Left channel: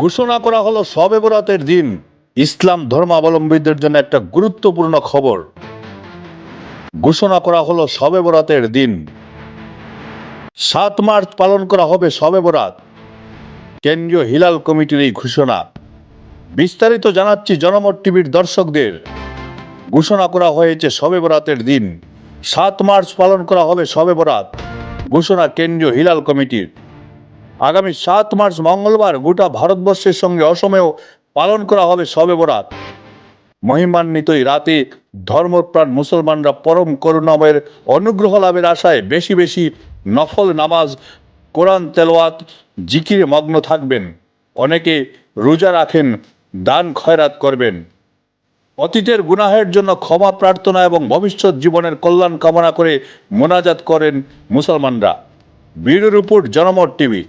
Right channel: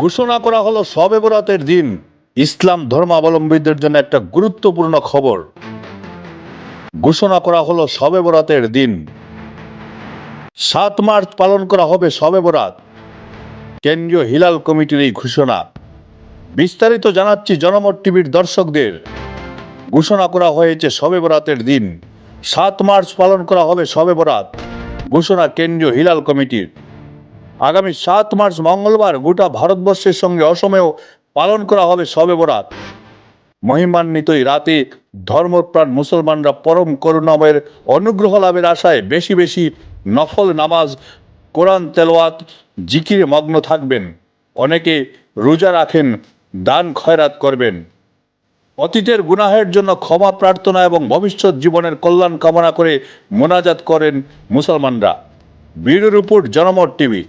ঘোষণা করা হলো শবে বরাতের দিন। ইসলাম ধর্মাবলম্বীদের জন্য একটা গুরুত্বপূর্ণ খবর। ঘোষণা করা হলো শবে বরাতের দিন ৭ মার্চ পালন করা হবে শবে বরাত। কেন্দ্রীয় হিলাল কমিটির এই ঘোষণা। বিস্তারিত জানাচ্ছি জনমত টিভির দর্শকদের। ঘোষণা করা হয়েছে শবে বরাতের দিন ৭ মার্চ পালন করা হবে শবে বরাত। ঘোষণা কেন্দ্রীয় হিলাল কমিটির। আগামী ৭ মার্চ মঙ্গলবার গোটা ভারতবর্ষের সঙ্গে অসমেও পালন করা হবে শবে বরাত। মহিমান্বিত এই রাতে ধর্মপ্রাণ মুসলমানরা পরম করুণাময়ের অনুগ্রহ লাভের আশায় বেশি বেশি নফল নামাজ, কোরআন তেলাওয়াত, জিকিরে মগ্ন থাকবেন। অনেকে রোজা রাখেন, দান খয়রাত করবেন। অতীতের গুনাহের জন্য ক্ষমা প্রার্থনা এবং ভবিষ্যৎ জীবনের কল্যাণ কামনা করে মোনাজাত করেন মুসলমানরা। ব্যুরো রিপোর্ট, জনমত টিভি।